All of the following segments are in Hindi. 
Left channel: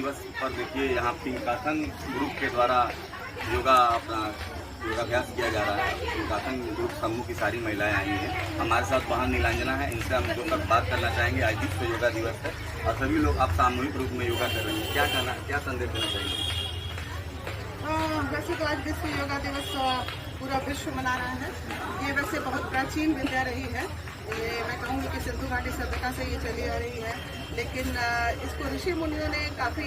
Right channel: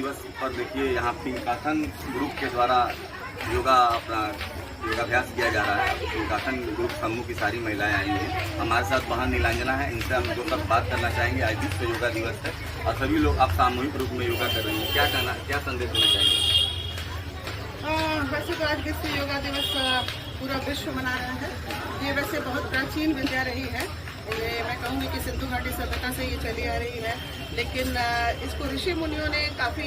दिवस पर देखिए यहाँ पिंकाथन ग्रुप के द्वारा योगाभ्यास किया जा रहा है। पिंकाथन ग्रुप समूह की सारी महिलाएं आई हैं। हमारे साथ वहाँ नीलांजना है, इनसे हम दो तक बात करना चाहेंगे। आज विश्व योगा दिवस है और सभी लोग आप सामूहिक रूप में योगा कर रहे हैं, क्या संदेश देना चाहेंगे? वैसे तो आज विश्व योगा दिवस पूरा विश्व मना रहा है। ये वैसे बहुत प्राचीन विद्या रही है। ये मैं कहूँगी कि सिंधु घाटी सभ्यता से ये चली आ रही है, लेकिन इसको ऋषि मुनियों ने काफ़ी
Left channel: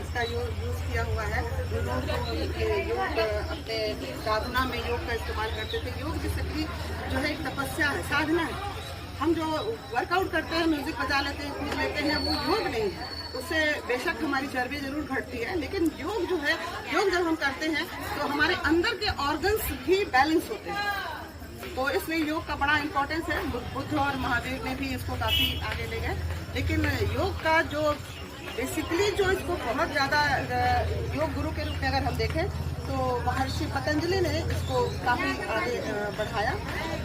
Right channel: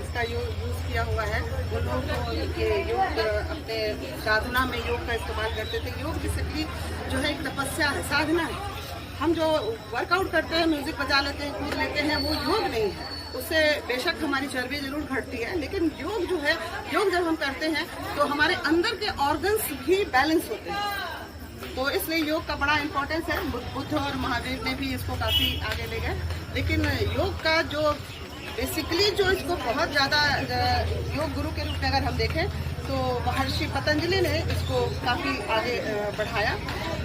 इसका यूज़ किया हुआ है। उन लोग को ये योग अपने साधना में योग का इस्तेमाल करते थे। योग बेसिकली जो है एक तपस्या है, साधना है। हम जो वर्कआउट करते हैं, म्यूजिक बजा लेते हैं, कूद लेते हैं, वो योग नहीं है। उससे बेशक हमारी चर्बी जरूर घटती है, लेकिन योग जो है, योग जब हम करते हैं तो हमारे अंदर के ऑर्गन्स भी बैलेंस होते हैं। तो इसलिए योग का बड़ा इम्पोर्टेंस है। बुद्ध और महावीर ने भी इसको काफ़ी आगे ले गए। लेकिन योग का जो बेसिकली जो इसको बहुत ज़्यादा योग गुरु के रूप में अगर हम देखें तो महर्षि पतंजलि ने इसको काफ़ी आगे बढ़ाया।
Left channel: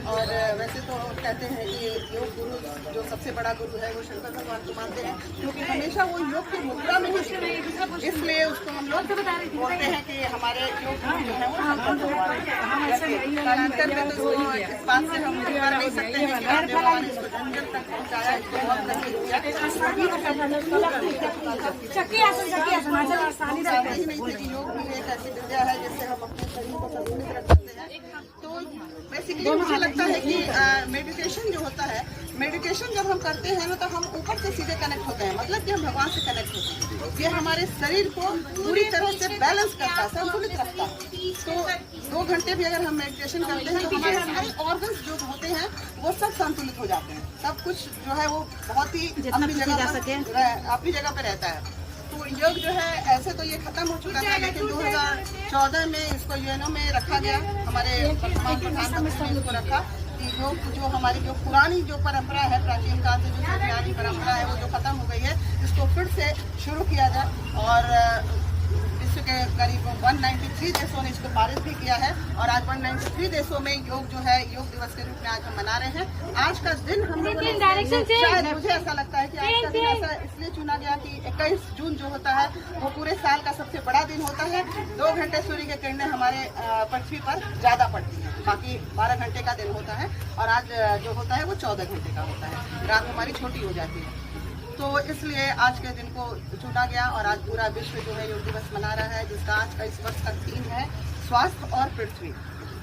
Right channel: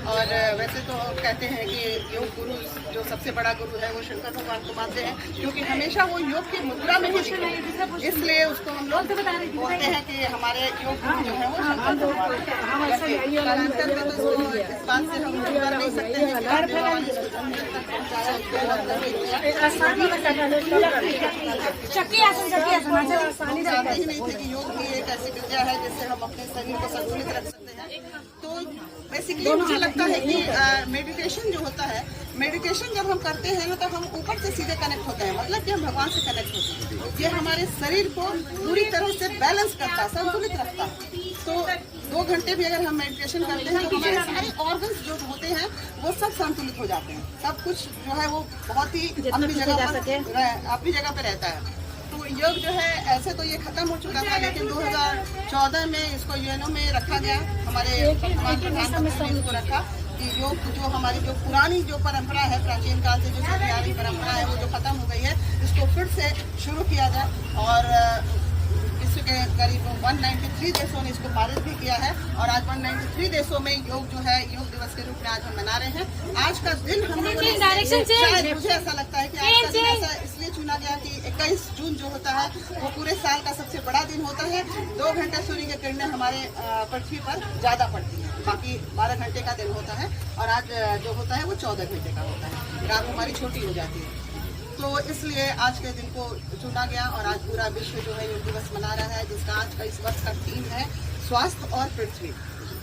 और वैसे तो कहते हैं कि योग गुरु जो सबसे बड़ा गुरु है वो शंकर भगवान को मानते हैं, क्योंकि हमेशा वो योग की मुद्रा में ही दिखे। इसलिए उसको हम लोग बोलते हैं कि हमारे योग गुरु जो है वो शंकर भगवान। कालांतर में तो उसको इस बात से हम कर नहीं सकते हैं कि रामदेव बाबा ने इसको जन जन तक पहुँचाया, इसको बहुत तरक्की किया। हम जानते ही नहीं थे कि योग भी एक ऐसी विद्या है जिससे हम अपने शरीर को संतुलित रख सकते हैं। तो बेसिकली मुझे लगता है कि मेडिटेशन जो होता है, मेडिटेशन जब हम करते हैं ना तो हम ऊपर से सीधे कनेक्ट होते हैं, मतलब कि हम भगवान से कनेक्ट होते हैं। ये हमारे शरीर को पूरी तरह से बैलेंस करता है, संतुलित रखता है। तो 2 घंटे भी अगर हम मेडिटेशन करते हैं तो हमारे सारे ऑर्गन्स जो होते हैं वो सब संतुलित हो जाते हैं। सब कुछ जो है वो बहुत ही अपनी जगह पर रहता है। तो योग जो है ऐसे तो ये खत्म हो चुका था, लेकिन 2014 में इसको यूएनओ में रखा गया। हमारे वर्तमान प्रधानमंत्री ने इसको रखा कि योग जो हमारी जो पुरानी जो परंपरा है, प्राचीन काल से जो चली आ रही परंपरा है, वो जो खत्म हो गई है, इसको फिर से शुरू किया जाए। और विश्व के करीब 193 देशों ने इसको पारित भी किया है। और आज 193 देशों में योग जो है योग दिवस के रूप में आज हम मना रहे हैं। आज का दिन हम लोगों ने, शायद मुझे ऐसा लगता है कि आज का दिन ऐसा इसलिए चुना गया कि 21 जून जो होता है वो पूरे साल का सबसे बड़ा दिन होता है। 2 घंटे सूर्य की किरणें हमारे पृथ्वी पर ज्यादा पड़ती है, बाकी 12 घंटे का दिन होता है। और आज जो होता है वो 14 घंटे का होता है, रात हमारी छोटी हो जाती है। तो इसलिए आज के दिन को चुना गया और आज पूरा विश्व जो है योग दिवस मना रहा है, जिसका आज का इस वर्ष का थीम है स्वास्थ्य और पृथ्वी।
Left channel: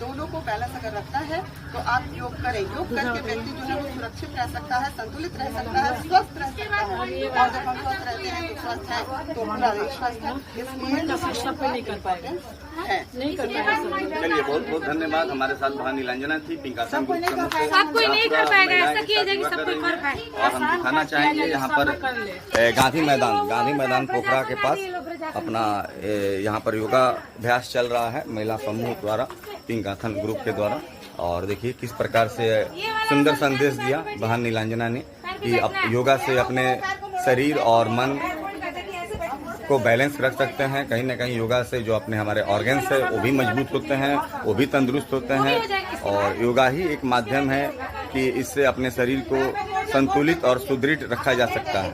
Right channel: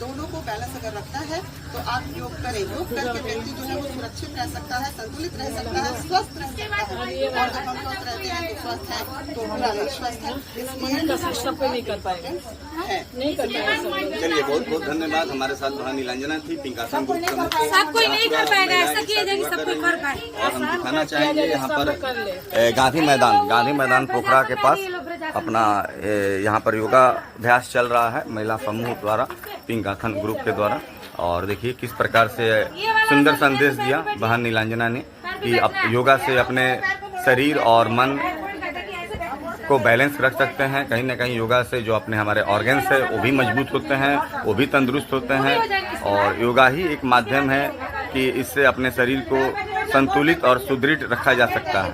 दोनों को बैलेंस अगर रखता है तो आप योग करें। योग करके व्यक्ति जो है वो सुरक्षित रह सकता है, संतुलित रह सकता है, स्वस्थ रह सकता है। और जब हम स्वस्थ रहते हैं तो स्वस्थ है तो पूरा देश स्वस्थ है। इसलिए है। चलिए, बहुत बहुत धन्यवाद। हमारे साथ वहाँ नीलांजना थी, पिंकाथन ग्रुप प्रमुख, और हम दिखाना चाहेंगे यहाँ पर गांधी मैदान पोखरा के पास अपना यहाँ पर योगाभ्यास चल रहा है महिला समूह द्वारा, पिंकाथन ग्रुप के द्वारा। और देखिए किस प्रकार से सुंदर संदेश दिया बहन नीलांजना ने कि योगा से अपने शरीर और मन को बैलेंस रख सकते हैं। कहीं ना कहीं योगा से जो अपने हमारे ऑर्गन्स है वो भी मजबूत होते हैं, वो भी तंदुरुस्त होते हैं। और योगा ही एक माध्यम है कि इससे अपने शरीर को संतुलित और सुदृढ़ रखा जा सकता है।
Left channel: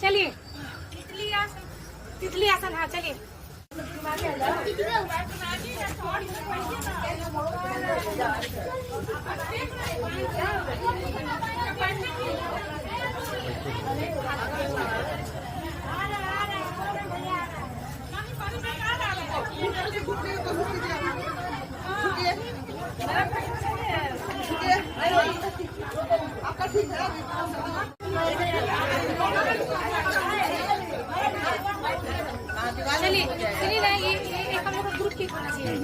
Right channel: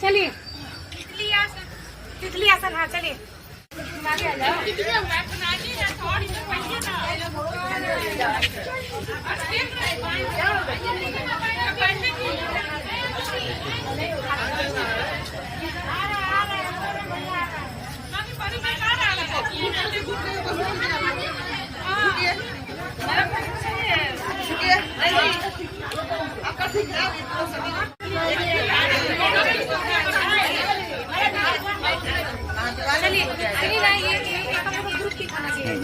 चलिए तितली आसन, हाँ चलिए।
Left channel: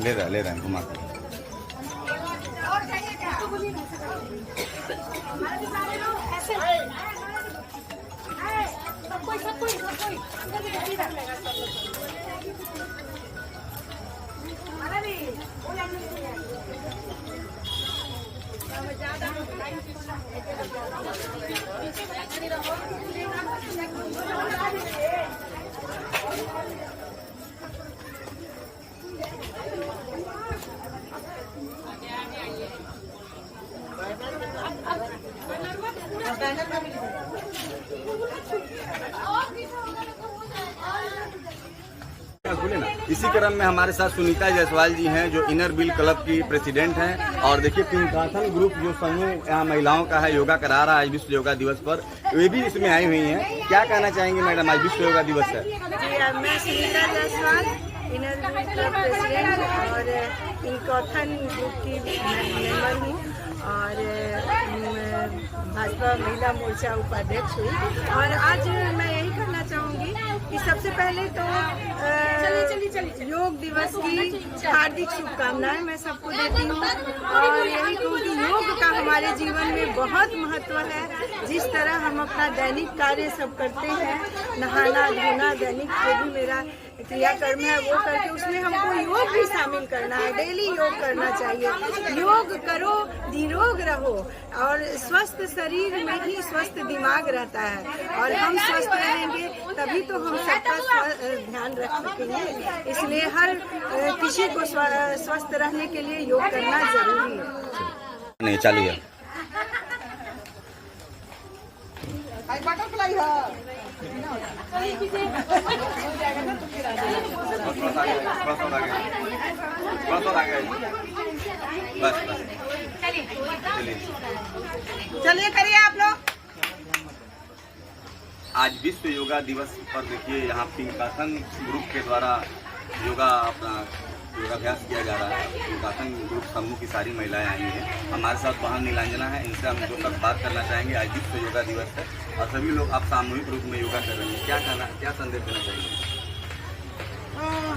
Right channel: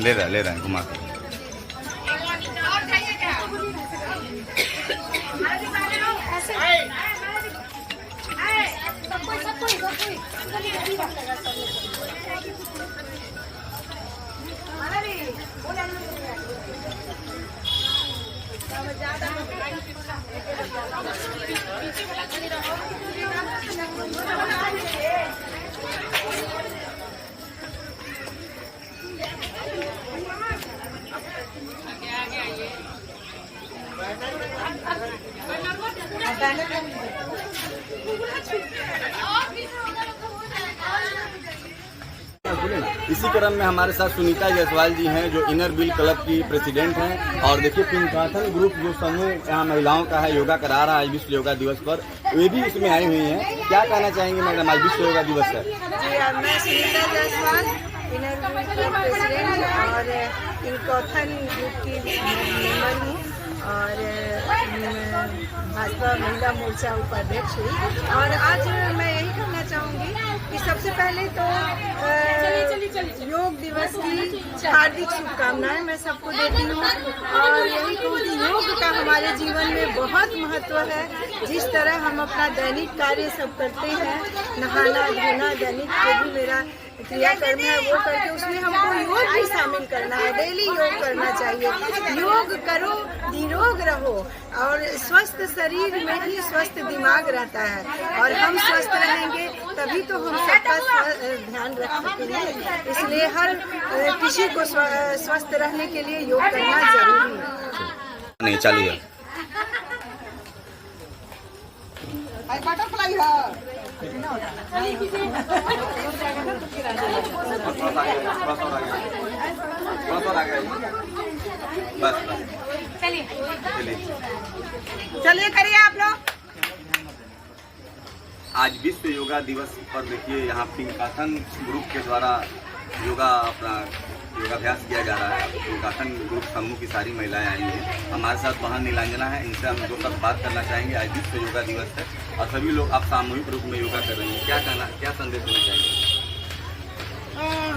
ले रहा है घुमा के। क्रम में हमारे साथ सुनीता जायसवाल जी हैं, जो इनर व्हील क्लब की प्रेसिडेंट हैं। और देखिए पिंकाथन ग्रुप जो समूह यहाँ महिलाओं का है, योगा करा रहा है विश्व योगा दिवस पर, वे भी इसमें आई हुई हैं। क्या कहना चाहेंगे मैडम, आज विश्व योगा दिवस है? जी, मैं Sunita Jaiswal inner wheel club president और पिंकाथन ग्रुप की मेंबर हूँ और भाजपा महिला मोर्चा उपाध्यक्ष हुई। और आज मैं यही कहना चाहूँगी कि सबसे पहले तो योग दिवस की हार्दिक शुभकामनाएं मैं सबको देती हूँ। और यही कहूँ कि योग का हमारे जीवन में बहुत महत्व है। जिस तरह हम अपना दैनिक कार्य सब करते हैं, नहाना धोना दैनिक जो भी मेरा क्रियाकर्म है वो करके उसमें हमको योग भी शामिल करना है। डेली योग करना चाहिए। योग करो, निरोग रहो और स्वस्थ शरीर में ही स्वस्थ दिमाग रहता है। और हम स्वस्थ रहेंगे तभी तो हम सबका ध्यान रख सकेंगे। इसलिए हर किसी को स्वस्थ रहने के लिए योग करना जरूरी है। नहीं चलिए बटरफ्लाई है। बस चलिए करिए आप लोग। आज विश्व योगा दिवस पर देखिए यहाँ पिंकाथन ग्रुप के द्वारा योगाभ्यास किया जा रहा है। पिंकाथन ग्रुप समूह की सारी महिलाएं आई हैं। हमारे साथ बहन नीलांजना है, इनसे हम दो तक बात करना चाहेंगे। आज विश्व योगा दिवस है और सभी लोग आप सामूहिक रूप में योगा कर रहे हैं। क्या संदेश देना चाहेंगे?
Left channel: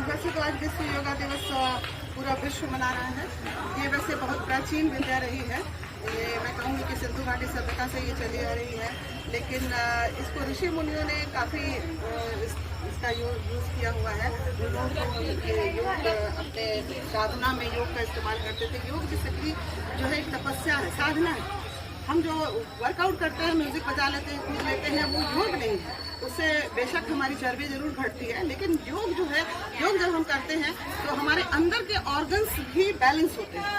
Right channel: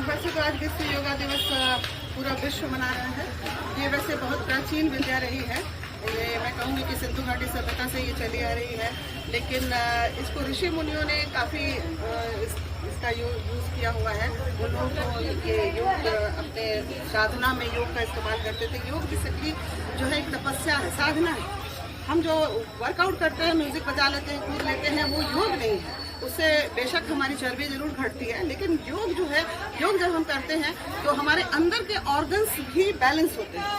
वैसे तो आज विश्व योगा दिवस पूरा विश्व मना रहा है। ये वैसे बहुत प्राचीन विद्या रही है। ये मैं कहूँगी कि सिंधु घाटी सभ्यता से ये चली आ रही है। लेकिन इसको ऋषि मुनियों ने काफ़ी इसका यूज़ किया हुआ है। उन लोगों को ये योग अपने साधना में योग का इस्तेमाल करते थे। योग बेसिकली जो है एक तपस्या है, साधना है। हम जो वर्कआउट करते हैं, म्यूजिक बजा लेते हैं, कूद लेते हैं, वो योग नहीं है। उससे बेशक हमारी चर्बी जरूर घटती है, लेकिन योग जो है, योग जब हम करते हैं तो हमारे अंदर के ऑर्गन्स भी बैलेंस होते हैं।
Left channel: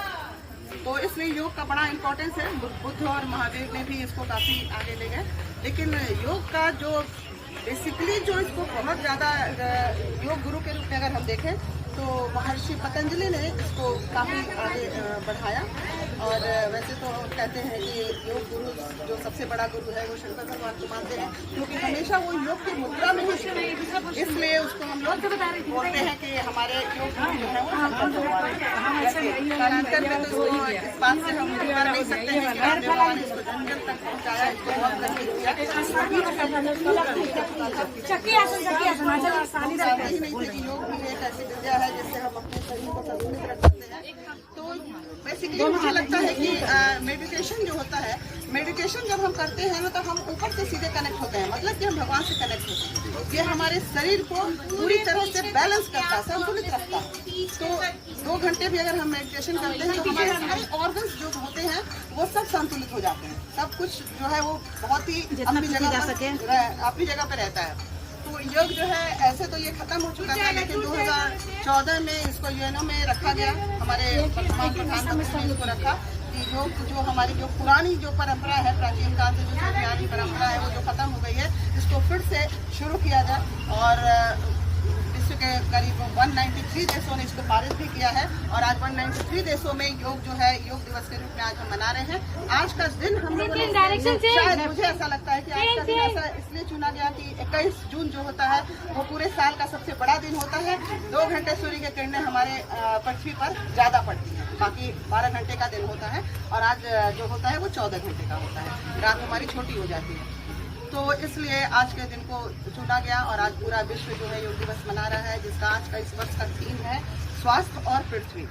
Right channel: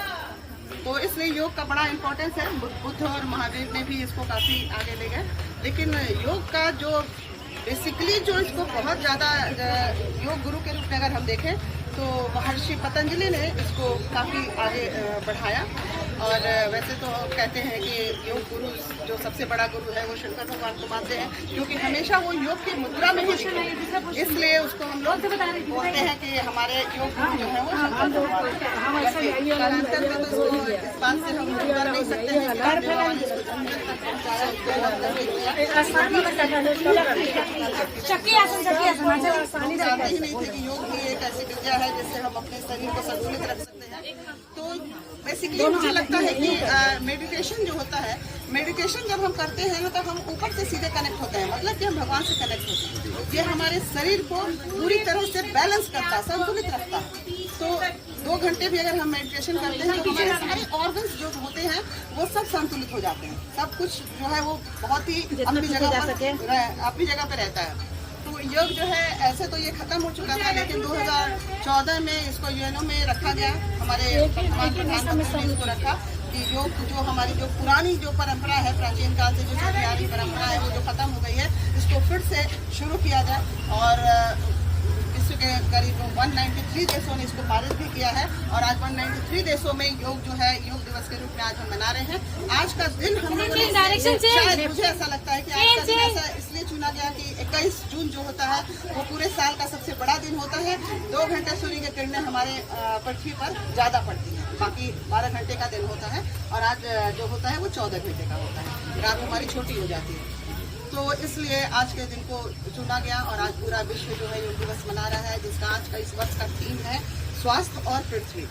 तो इसलिए योग का बड़ा इम्पोर्टेंस है। बुद्ध और महावीर ने भी इसको काफ़ी आगे ले गए। लेकिन योग का जो बेसिकली जो इसको बहुत ज़्यादा योग गुरु के रूप में अगर हम देखें तो महर्षि पतंजलि ने इसको काफ़ी आगे बढ़ाया। और वैसे तो कहते हैं कि योग गुरु जो सबसे बड़ा गुरु है वो शंकर भगवान को मानते हैं, क्योंकि हमेशा वो योग की मुद्रा में ही सीखे। इसलिए उसको हम लोग बोलते हैं कि हमारे योग गुरु जो है वो शंकर भगवान है। कालांतर में तो इसको इस बात से हम कर नहीं सकते हैं कि रामदेव बाबा ने इसको जन जन तक पहुँचाया, इसको बहुत प्रसिद्ध किया। हम जानते ही नहीं थे कि योग भी एक ऐसी विद्या है जिससे हम अपने शरीर को संतुलित रख सकते हैं। तो बेसिकली मुझे लगता है कि मेडिटेशन जो होता है, मेडिटेशन जब हम करते हैं ना तो हम ऊपर से सीधे कनेक्ट होते हैं, मतलब कि हम भगवान से कनेक्ट होते हैं। ये हमारे शरीर को पूरी तरह से बैलेंस करता है, संतुलित रखता है। तो 2 घंटे भी अगर हम मेडिटेशन करते हैं तो हमारे सारे ऑर्गन्स जो होते हैं वो सब संतुलित हो जाते हैं। सब कुछ जो है वो बहुत ही अपनी जगह पर रहता है। तो योग जो है ऐसे तो ये खत्म हो चुका था, लेकिन 2014 में इसको यूएनओ में रखा गया। हमारे वर्तमान प्रधानमंत्री ने इसको रखा कि योग जो हमारी जो पुरानी जो परंपरा है, प्राचीन काल से जो चली आ रही परंपरा है, वो जो खत्म हो गई है, इसको फिर से शुरू किया जाए। और विश्व के करीब 193 देशों ने इसको पारित भी किया है। और आज 193 देशों में योग जो है योग दिवस के रूप में आज हम मना रहे हैं। आज का दिन हम लोगों ने, शायद मुझे ऐसा लगता है कि आज का दिन ऐसा इसलिए चुना गया कि 21 जून जो होता है वो पूरे साल का सबसे बड़ा दिन होता है। 2 घंटे सूर्य की किरणें हमारे पृथ्वी पर ज्यादा पड़ती हैं, बाकी 12 घंटे का दिन होता है। और आज जो होता है वो 14 घंटे का होता है, रात हमारी छोटी हो जाती है। तो इसलिए आज के दिन को चुना गया और आज पूरा विश्व जो है योग दिवस मना रहा है, जिसका आज का इस वर्ष का थीम है स्वास्थ्य और पृथ्वी।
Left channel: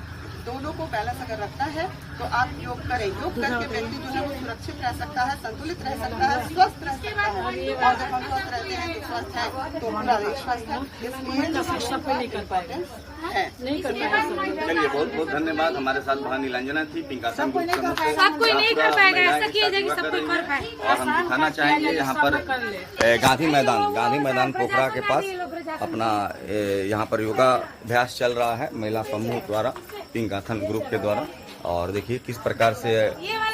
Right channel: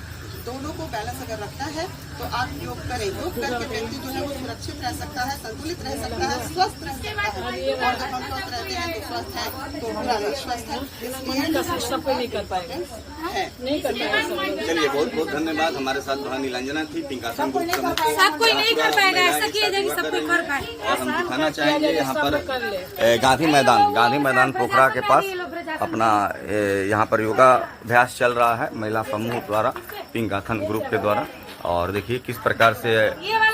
दोनों को बैलेंस अगर रखना है तो आप योग करें। योग करके व्यक्ति जो है वो सुरक्षित रह सकता है, संतुलित रह सकता है, स्वस्थ रह सकता है। और जब हम स्वस्थ रहते हैं तो स्वस्थ है तो पूरा देश स्वस्थ है। इसलिए है। चलिए बहुत बहुत धन्यवाद। हमारे साथ बहन नीलांजना थी, पिंकाथन ग्रुप प्रमुख है। और हम दिखाना चाहेंगे यहाँ पर गांधी मैदान पोखरा के पास अपना यहाँ पर योगाभ्यास चल रहा है महिला समूह द्वारा, पिंकाथन ग्रुप के द्वारा। और देखिए किस प्रकार से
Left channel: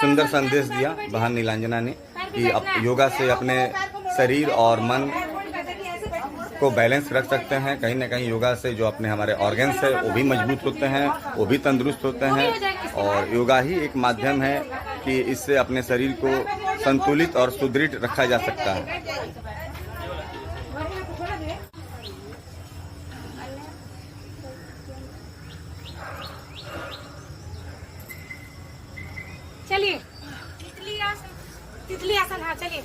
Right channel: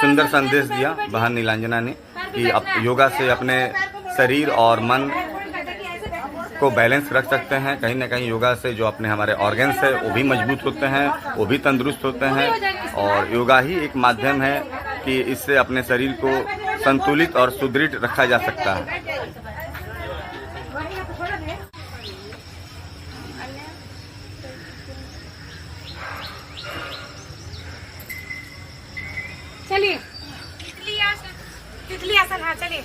सुंदर संदेश दिया बहन नीलांजना ने कि योगा से अपने शरीर और मन को बैलेंस रख सकते हैं। कहीं ना कहीं योगा से जो अपने हमारे ऑर्गन्स है वो भी मजबूत होते हैं, वो भी तंदुरुस्त होते हैं। और योगा ही एक माध्यम है कि इससे अपने शरीर को संतुलित और सुदृढ़ रखा जा सकता है। चलिए तितली आसन, हाँ चलिए।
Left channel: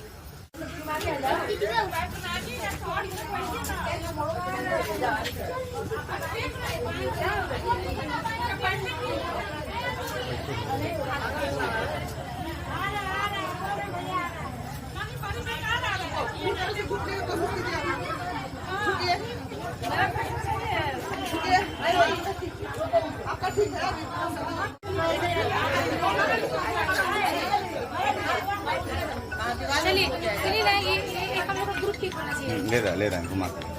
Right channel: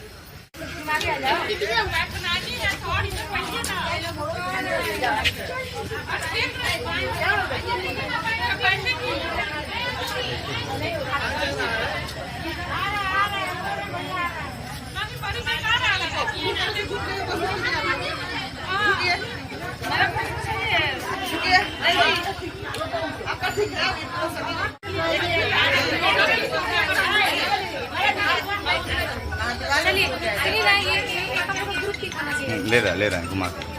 ले रहा है घुमा के।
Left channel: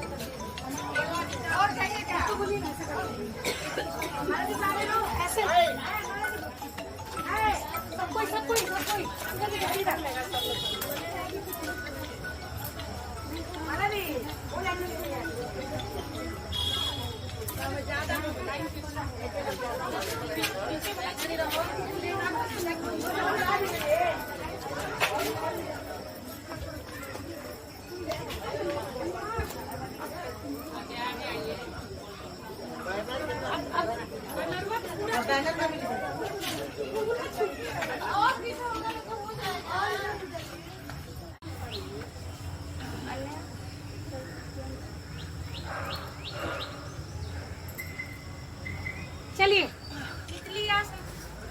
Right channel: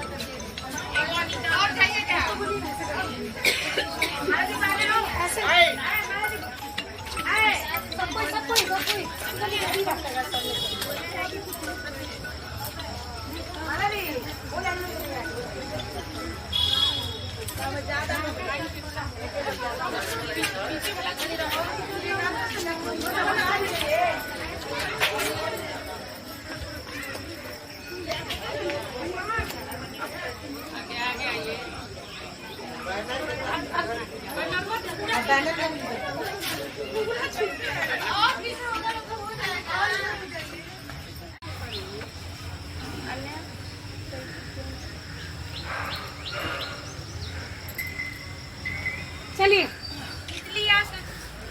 चलिए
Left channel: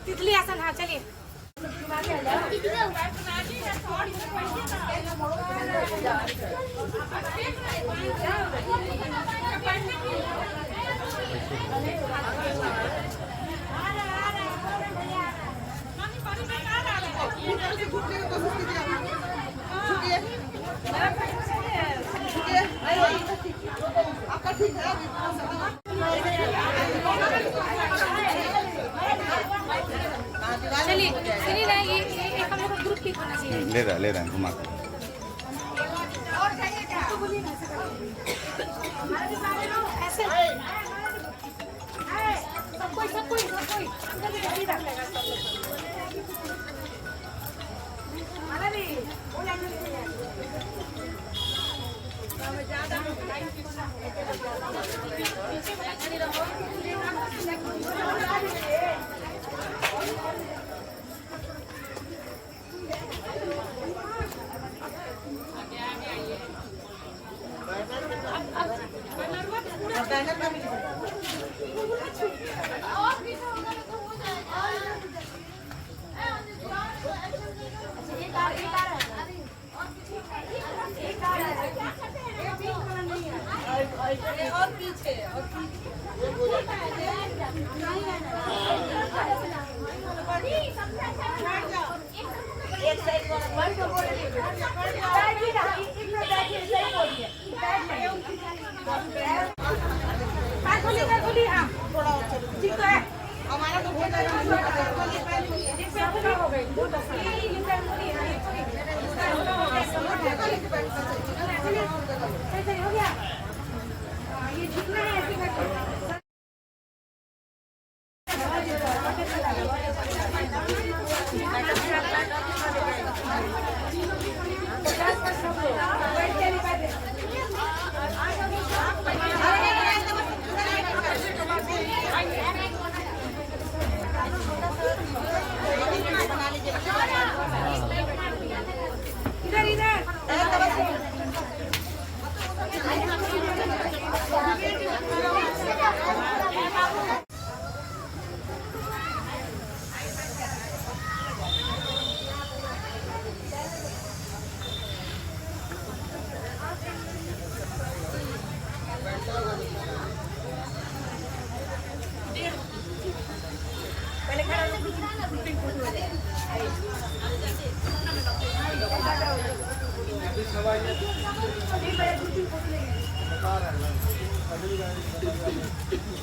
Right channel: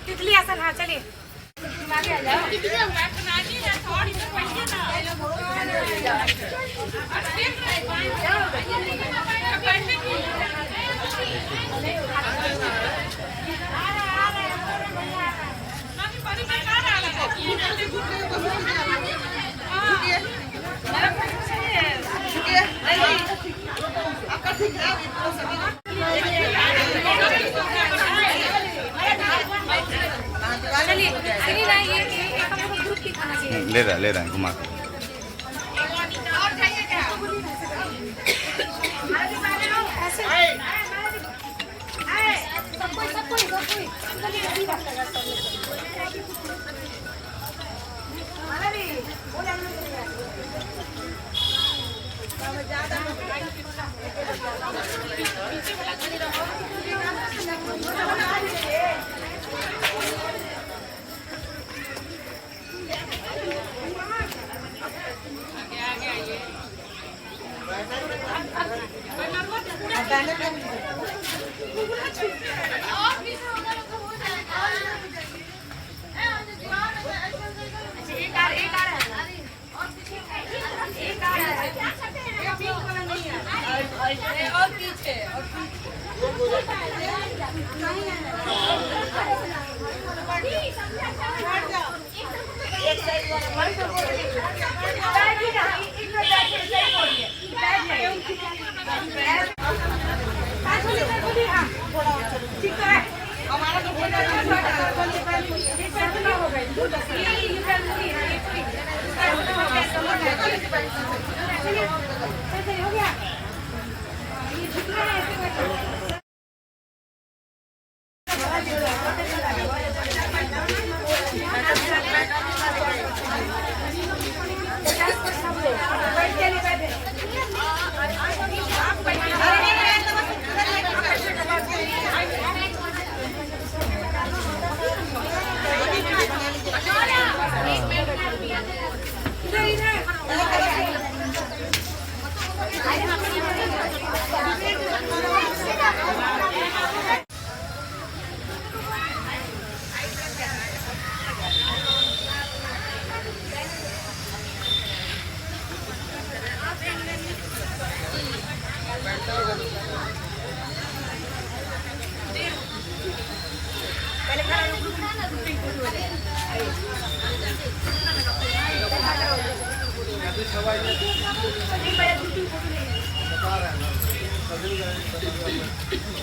तितली आसन, हाँ चलिए। ले रहा है घुमा के। हो गया ये जितना है ऐसे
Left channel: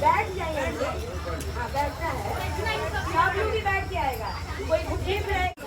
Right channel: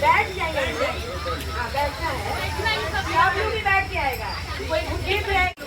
बैठ जाइए, बैठना है, आप लोग भी बैठ जाएगा, कोई भूखे भी आएगा।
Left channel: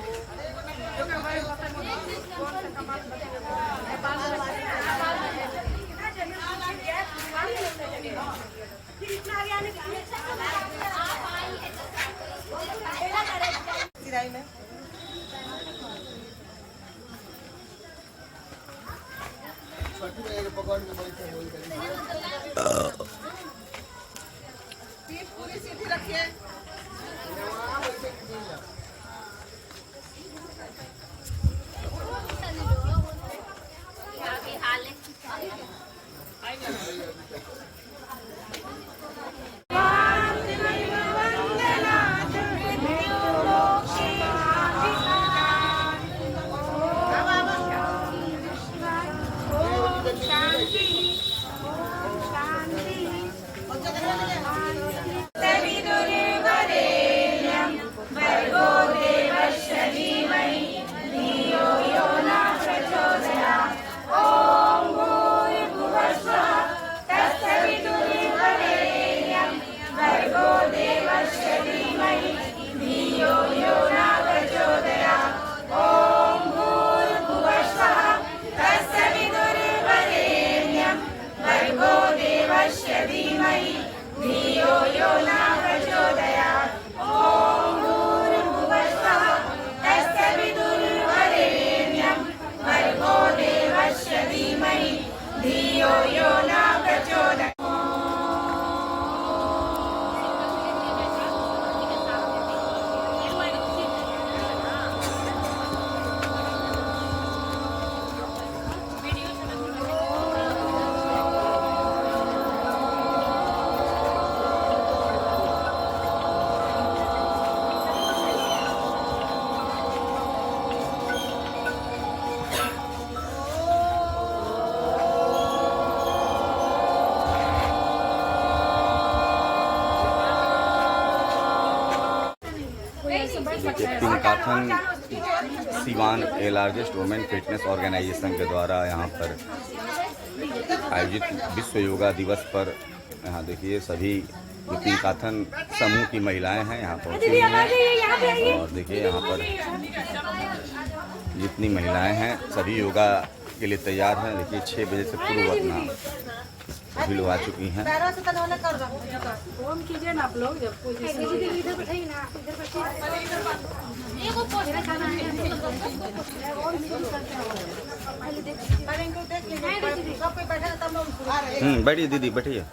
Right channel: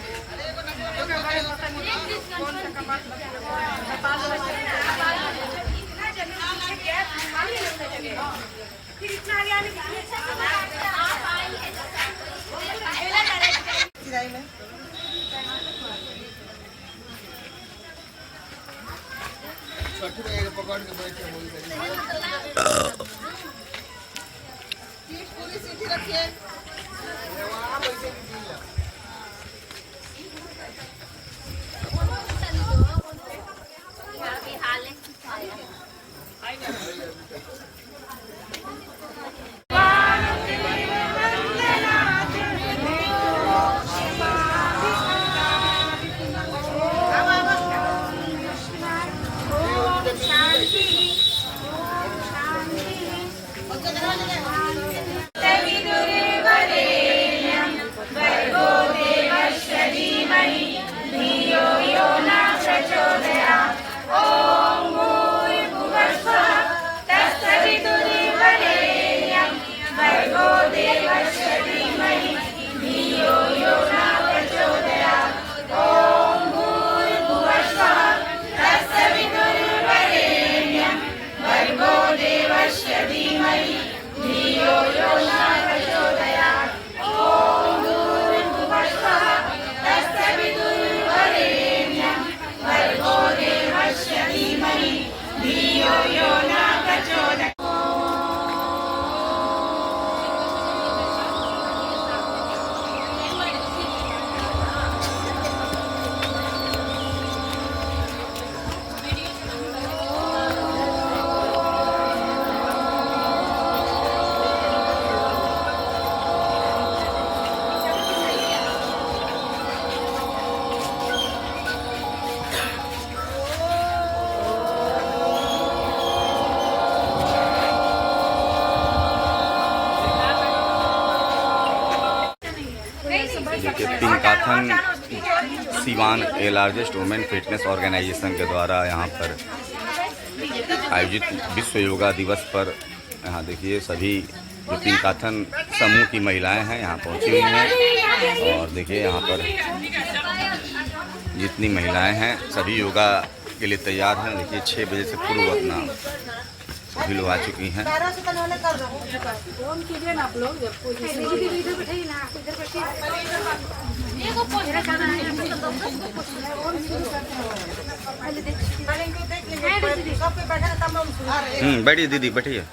देखिए देखिए पिंकाथन सीवान ए लार्जेस्ट वुमेन फिटनेस ऑर्गेनाइजेशन के द्वारा यहाँ पर आयोजित विश्व योगा दिवस पर यहाँ देखिए सभी जो पिंकाथन समूह की महिलाएं हैं यहाँ पहुँची हुई हैं और देखिए यहाँ पर जितनी महिलाएं हैं सभी योगा के लिए तैयार हैं। देखिए 6 बजे से पूर्व अपना सभी लोग आ चुकी हैं। फोन कीजिए ना आप लोग जब बैठिए दीदी बैठिए।